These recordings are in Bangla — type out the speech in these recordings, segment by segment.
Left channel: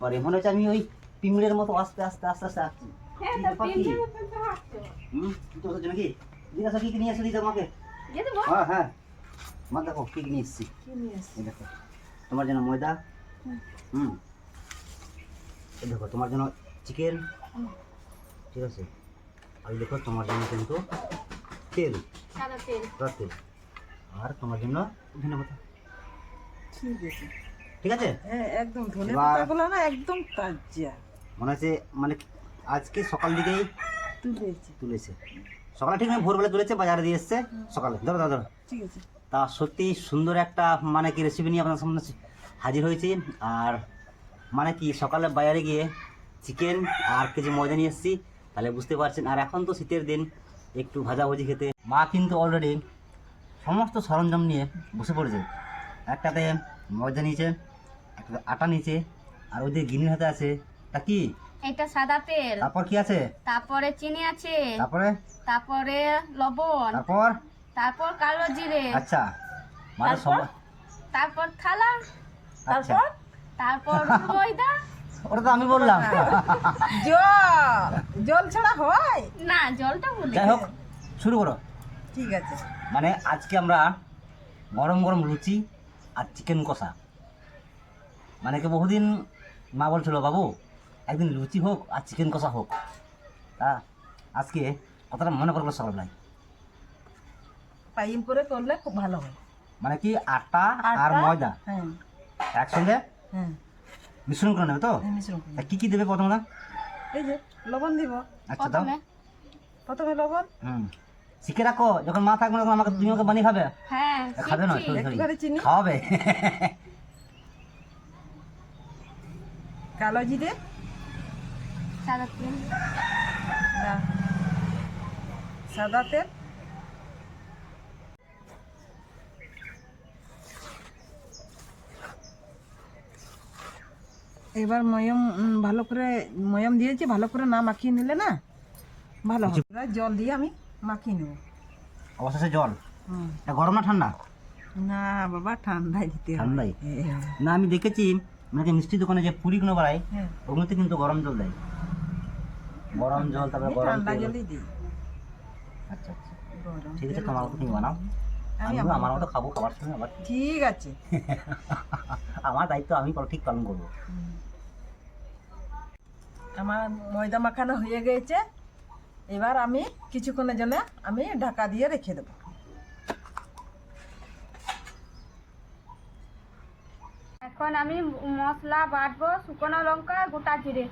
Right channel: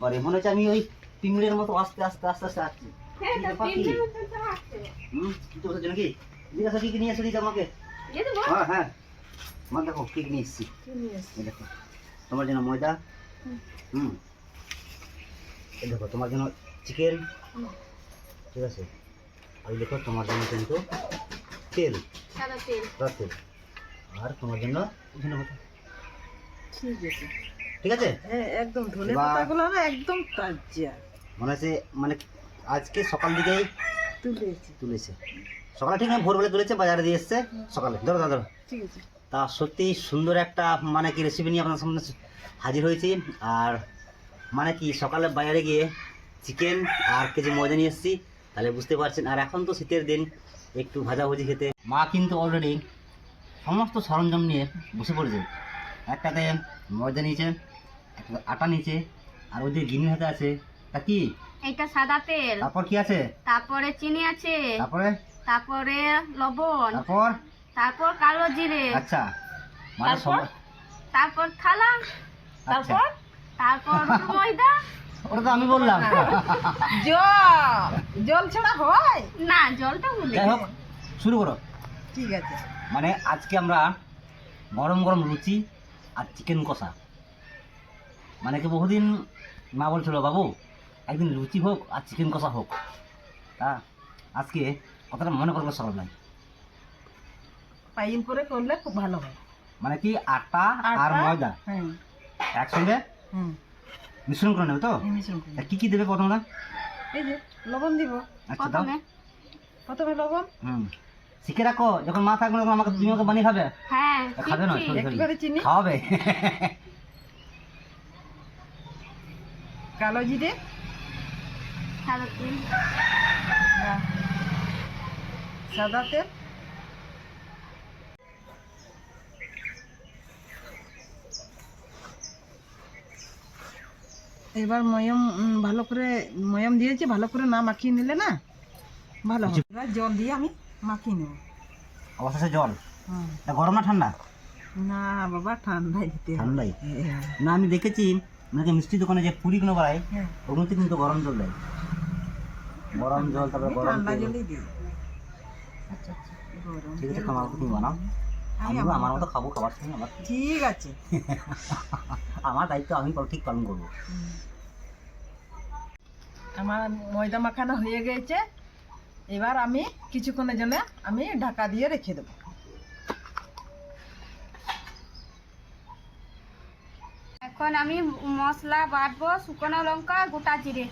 পরে মনে হচ্ছে আমি ওই পিমড়ের মতো আস্তে আস্তে আস্তে আস্তে আসছি। নাকি জিজ্ঞাসা কি কি নিয়ে এসে দিতে আমাকে? হ্যাঁ হ্যাঁ, মা দেখো কি কি নিয়ে এসেছি। দেখো তোমার জন্য ময়দা, এই দেখো তোমার জন্য চিকেন, ঠিক আছে। আর দেখো তোমার জন্য কিন্তু তেল, সাদা তেল, আর তোমার জন্য ধনেপাতা। ঠিক আছে, একদম ধনেপাতাগুলো না একদম তাজা মনে হচ্ছে, মানে আজকে সকাল দিকেই তুলেছে। সকালে ঠিক নয়, ভোরবেলা তুলেছে, বাজারে দিয়ে এসছে সকালে। ধরো ধরো ধরো, ঠিক আছে। তা সত্যি সুন্দর একটা মানে কি রেসিপি নিয়ে আপনার সামনে হাজির হয়েছি। আর মানে কি সকালে বাজারে গিয়ে চিকেন আর কেজি ময়দা নিয়ে এসেছি, তাহলে বুঝতে পারছেন। আর এখন তো শীতের দিন, একটু ভাজাভুজি খেতে মা কিন্তু অলরেডি সমস্ত সরঞ্জাম নিয়ে বসে পড়েছে। একটাতে ময়দা নিয়েছে, একটা আটা নিয়েছে, আর ওই যে গিনির হাতে আছে তা কি, এটা সাদা তেল। তারপর কি আছে? তারপরে চিনি আছে। তারপরে লবণ। তারপর কালো জিরে। আচ্ছা, মানে তারপর থালা। আচ্ছা, তারপর ময়দা। ওটা তো আমি বললাম। জল ছাড়া হয় না, জলটা ভুলে যাই হোক, শুরু করো। ঠিক আছে। মানে আজকে আমরা গরম গরম লুচি আর চিকেন কষা, মানে কি বহুদিন মা বলছিল বাবু একদিন লুচি হোক আর চিকেন কষা হোক। তা আজকে কথাটা মনে করবো সকালবেলায়। পাইল করে করলে খুব ভালো হয়। মানে কি আটা আর ময়দা একসঙ্গে মিশ্রণ করে নেবে তো? কি কি দেবে প্রথমে? এই যে লবণ দিব। আচ্ছা, দাও প্রথমে লবণ। শিখে রাখো, যখন মা থাকবে তখন আমাকে, তুমি আমাকে বানিয়ে খাবে। হ্যাঁ, খাবে না, একটুখানি চিনি খাওয়াবে। কালো জিরে, সাদা তেল, সাদা তেল, এবার ময়ম ভালো করে ময়ম দিয়েছি, ভালো করে না মাখিয়ে নিলে না ভালো হবে। এবার জল দিয়ে আমি মাখিয়ে নেব। অবশেষে জল। গরম না ঠান্ডা? না বাবা, ঠান্ডায় দিতে হবে। ঠান্ডাই না, আমি দেখেছি মানে মিষ্টি দোকানে যে পুরিগুলো বানায় ওগুলোতে কিন্তু গরম জল দেয়। গরম জল, তারপরে গরম ঠান্ডা তেল। জলই দিই। আচ্ছা আচ্ছা, ঠিক আছে, আমার মতো তুমি বানাও, আমি আমার মতো খাবো খাবার সময় আবার। ঠিক আছে। আমার দায়িত্ব আমি ঠিক পালন করবো। আমার ময়দা মাখানো হয়ে গেছে, এবার আমি কিছুক্ষণের জন্য আমি ঢাকা দিয়ে রেখে দেবো। এখন আমি মশলা বাটবো, শুকনো লঙ্কা, গোটা জিরে।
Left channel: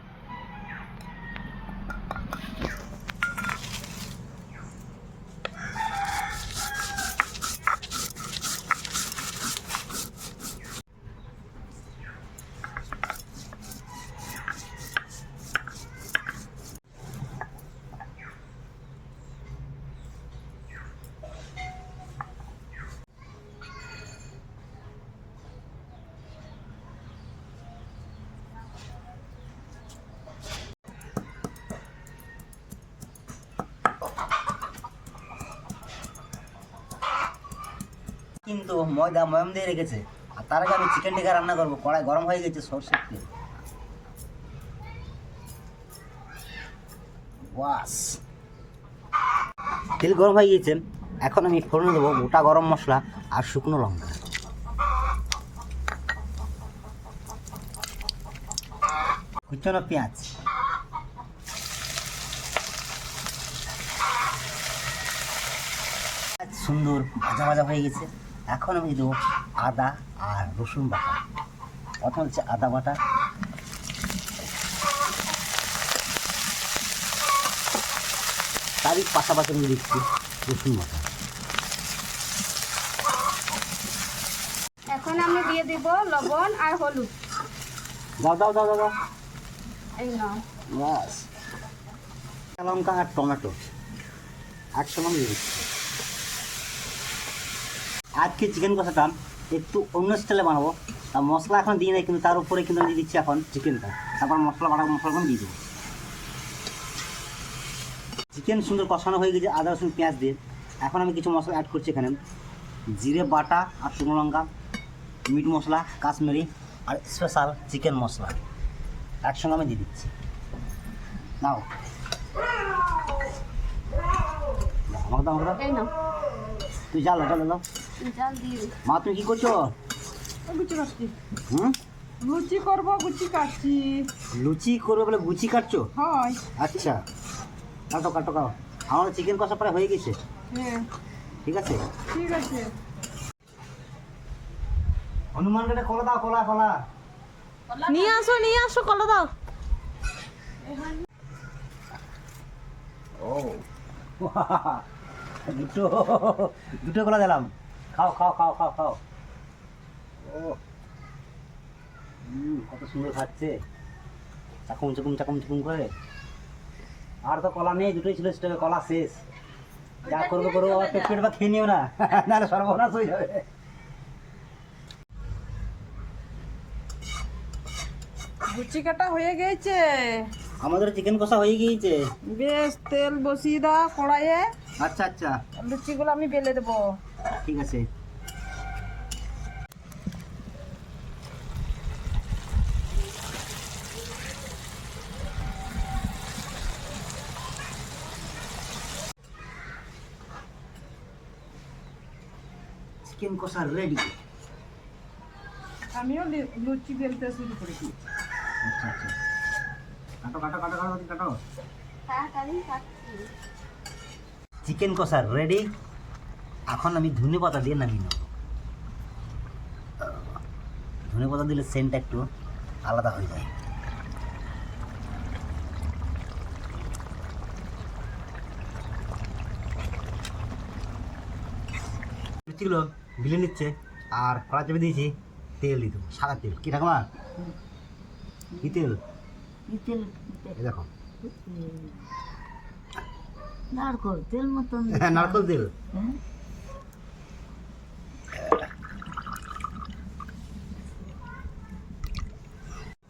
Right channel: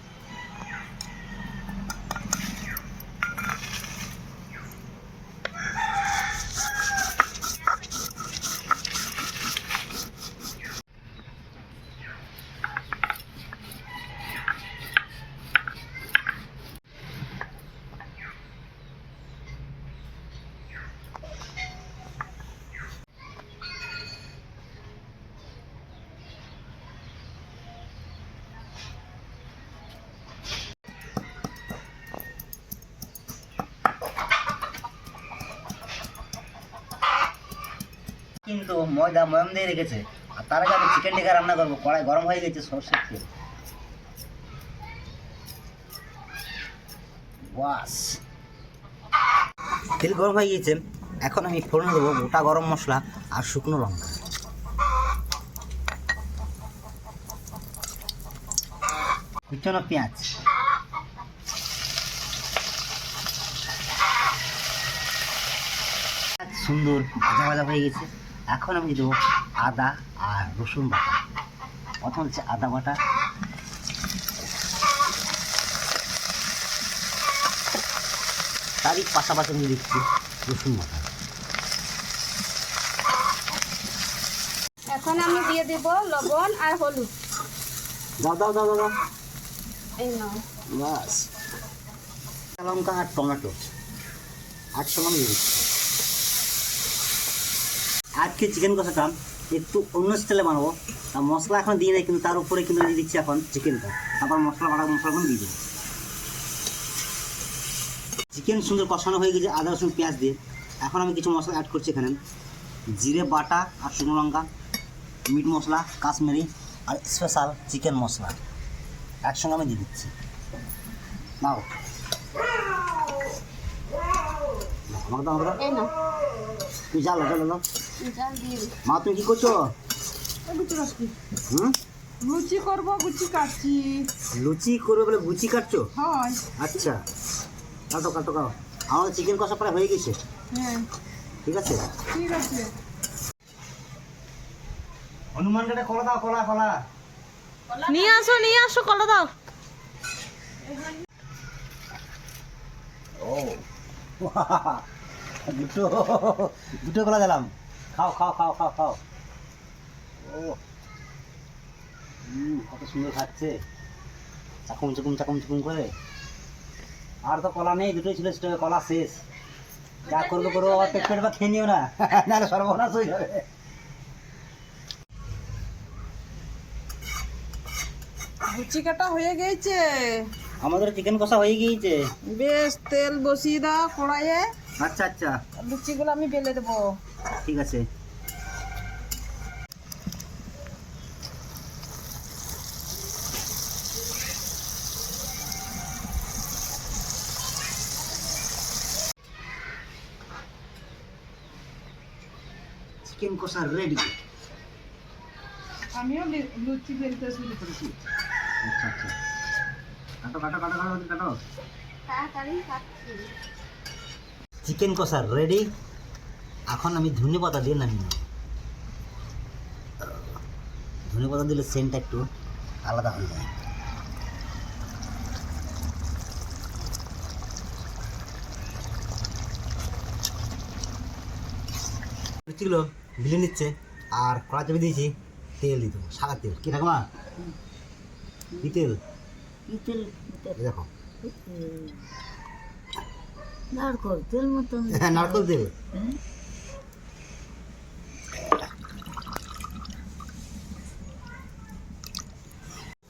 কিন্তু ময়দা ময়ম দিয়ে রেখেছে, আর তার আগে আমি চিকেন টিকা রান্না করবো। কড়াই গরম হয়ে গেছে, সরষের তেল। বাস, তেল গরম হয়ে গিয়েছে, এখন আমি ফোড়ন দেবো গোটা গরম মশলা আর শুকনো লঙ্কা। কুচানো পেঁয়াজ, সুন্দর ভাজা ভাজা হয়ে গেছে। এখন আমি দেবো আদা আর রসুন বাটা। প্রথম হচ্ছে আদা বাটা, তারই পাশাপাশি আমি দিচ্ছি রসুন বাটা। এখন আমি দিয়ে দেব লবণ আর হলুদ। দাও দাও দাও দাও, এই নাও। বাস, লঙ্কা আর টমেটো একসঙ্গে আমি দিয়ে দিচ্ছি। আজকে চিকেন কষাটা একটু অন্য স্টাইলে বানাবো, আর মশলা এখন দিয়ে নেই, কিন্তু তার উপরে কিন্তু দিয়ে দিচ্ছি এখন চিকেনটা। তারপর মশলাগুলো দিয়ে দেবো। চিকেন সুন্দর কষানো হয়ে গেছে আদা রসুন পেঁয়াজ দিয়ে। এখন আমি কিছু মশলা অ্যাড করছি এখানে, জিরে বাটা আর শুকনো লঙ্কা, মিট মশলা, কাশ্মীরি আর স্পেশাল চিকেন মশলা। একসঙ্গে আমি দিয়ে দিচ্ছি। নাও আমাকে দাও, আমাকে দাও। এই না তুই জাল জাল দাও। জাল দিয়ে মা তুমি কি করছো? লুচি কাটছি, হুম, লুচি করবো, গুচি কাটছি। লুচি করবে বলে গুচি কাটছো? হয়। আচ্ছা, কাটো কাটো কাটো। আমাদের চিকেন কষা প্রায় হয়ে গেছে। হ্যাঁ ঠিক আছে, ঠিক আছে। হনুমান গেটে কলা দাও, কলা কলা। নিয়ে আসো কলা দাও। ও দুটো দুটো কলা দিলাম। খাও খাও খাও খাও খাও। ও কত সুন্দর খাচ্ছে, চাকুম চুকুম করে। আর তো কলা নেই, দুটোই ছিল, সেটা কলা শেষ। যা করবো করবো, আবার পেট বা খেয়ে নিও না, নাহলে সর্বনাশ হয়ে যাবে। গুচি কাটা হয়ে গেছে, আমাদের চিকেন কষা হয়ে গিয়েছে। বেশ তেল বসিয়ে দাও কড়াইয়ে। আচ্ছা আচ্ছা, লুচিগুলো আমি বেলে দেবো। ঠিক আছে। চিকেন কষা রেডি। আমিও লুচি বেলতে শুরু করেছি। আচ্ছা আচ্ছা, কাটো কাটো কাটো কাটো কাটো। তাড়াতাড়ি কাটছি। চিকেন কষা রেডি। এখন আমি ধনে পাতা দিয়ে নামিয়ে নেব। ধনে পাতা দিলে সেন্টটা একটু আলাদা হয়ে যায়। লুচিগুলো বিলে নিচ্ছে, আর কড়া চেপে দিয়েছি, তেল দিয়ে দেবো, সাদা তেল। কি ঠাকুমা, কি তেল? এই দেখো, নারকল তেল মতন। হ্যাঁ, নারকেল তেল।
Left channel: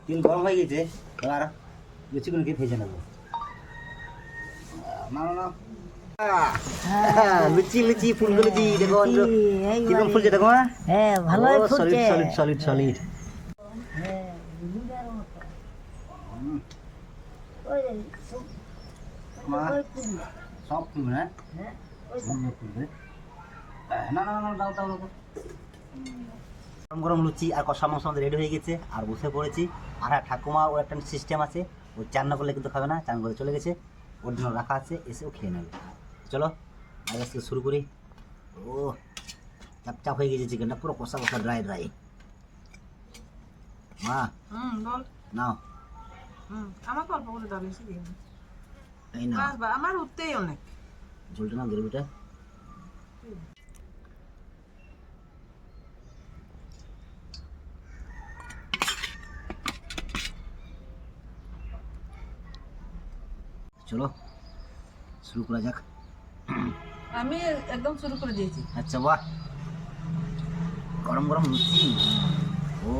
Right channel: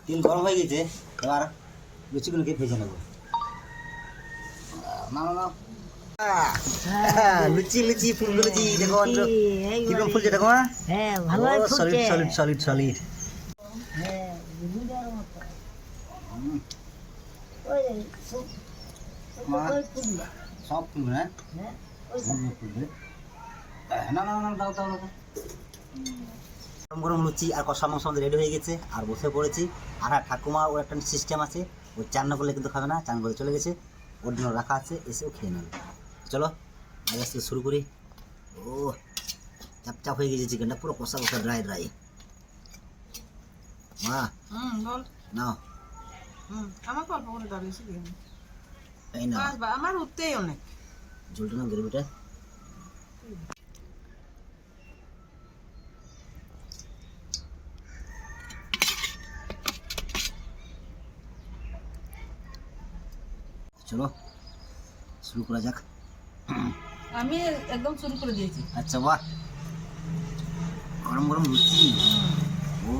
তেল গরম হয়ে গেছে, এবার লুচিগুলোকে ভেজে নেবো। না না না, লুচি লুচি ফুলবে লুচি। দেখো কিরকম ফুলছে, দেখো। হ্যাঁ ভালো সলিড সলিড সলিড সলিড। সব ফুলবে না, ফুলবে। না না না, দাও দাও দাও। গরম গরম লুচি আর কষা মাংস আমাদের রেডি হয়ে গেছে, আর বসে পড়েছি। আর হ্যাঁ, ঠাকুমা ওর একটা সিস্টেম আছে, ও চান না করলে কিন্তু খাবে না, চান করে চলে গেছে, ওর জন্য রাখা আছে, এসেও খেয়ে নেবে। চলো আগে থেকে শুরু করি। ও চাপ চাপ হয়ে গেছে চিকেনটা, পুরো কষা কষা ড্রাই ড্রাই। মা বল। নাও, আমাকে অল্প করে দাও, বেশি দিন। এই নাও, আমার উঠতেই অনেক। ঝোলটা নাও, গ্রেভিটা। চলো শুরু করা যাক। আমি একদম শুরু করে দিয়েছি। আচ্ছা, বাহ, গরম গরম লুচি, ও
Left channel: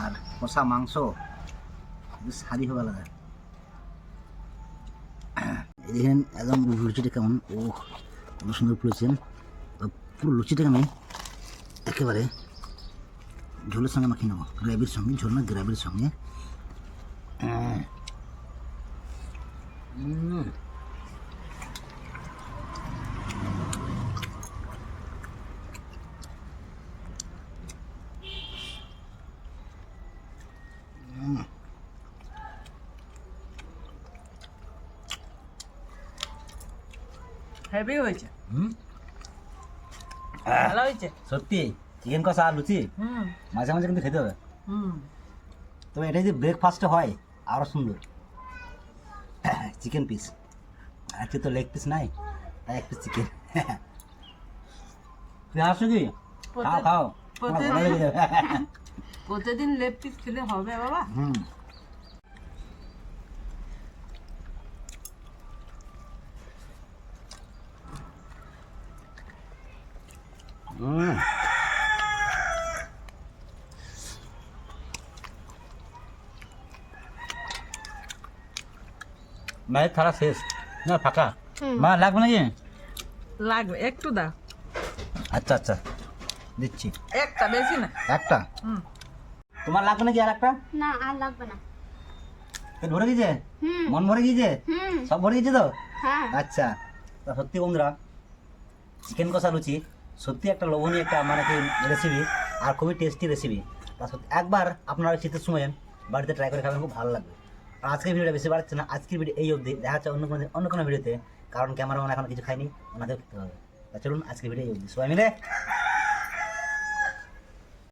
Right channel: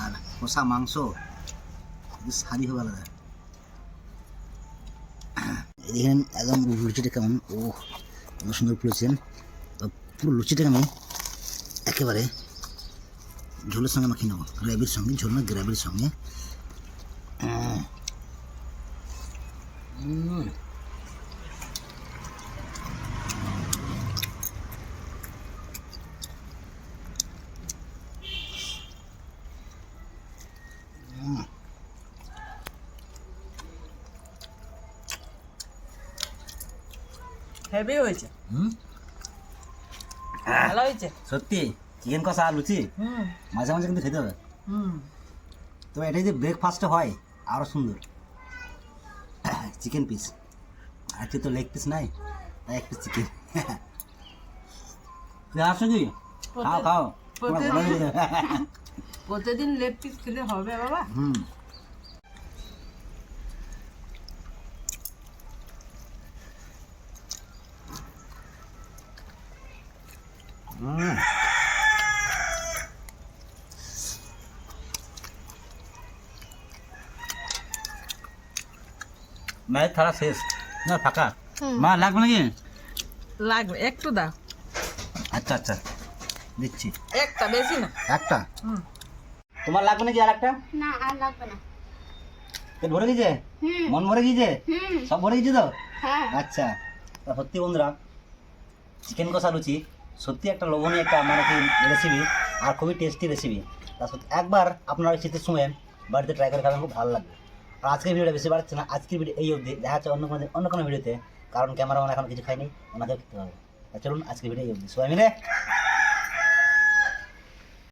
আর কষা মাংস, স্বাদই হবে আলাদা। দেখেন একদম লুচিটা কেমন, ও কত সুন্দর ফুলেছেন। পুরো লুচিটাকে আমি একেবারে ঝোলের সঙ্গে মাখিয়ে নেবো, গ্রেভির সঙ্গে, ঝোল না গ্রেভির সঙ্গে। হেভি হয়েছে। হুম, ভালো হয়েছে। সত্যি চিকেন কষা আর লুচি মাঝে মাঝে কিন্তু খেতে হবে। তো এটা যদি ব্রেকফাস্টে হয় আরও সুন্দর। চিকেন পিস, আজকে তো লেগ পিস নাই, তাই এক পিস চিকেন। তুই আসো কি, খাও খাও, তোমার ভালো লেগে যাবে। প্রতিদিন লেগ পিস খেলে হবে বাবা। হুম, মায়ের থালা শেষ না, ফাঁকা। মা লাগবে নাকি? লাগবে, একটু দাও। আচ্ছা আচ্ছা, দিচ্ছি। একটা, বেশি না। একটা তোমার লাগবে নাকি আর একটা? না আর লাগবে না। পেট ভরে গেছে? হুম মন ভরে গেছে? হুম সব ভরে গেছে তো? হ্যাঁ আচ্ছা, তা সত্যি বন্ধুরা চিকেন কষা লুচি সত্যি একটা লোভনীয় একটা মানে কি রেসিপি, আর খুবই টেস্টি রেসিপি। তা সত্যি একবার আপনারা ওই শীতের সময় বাড়িতে ট্রাই করে খাবেন, খুব ভালো লাগবে। আর আজকের ভিডিওটা বেশি বাড়ছে না, আজকের ভিডিও এই অবধি, দেখা হচ্ছে অন্য কোনো ভিডিওতে, কারণ ক্যামেরাম্যান এখন কিছু খায়নি, ওনাকেও খেতে হবে। তা চলুন আজকের ভিডিও এই অবধি, সবাই মিলে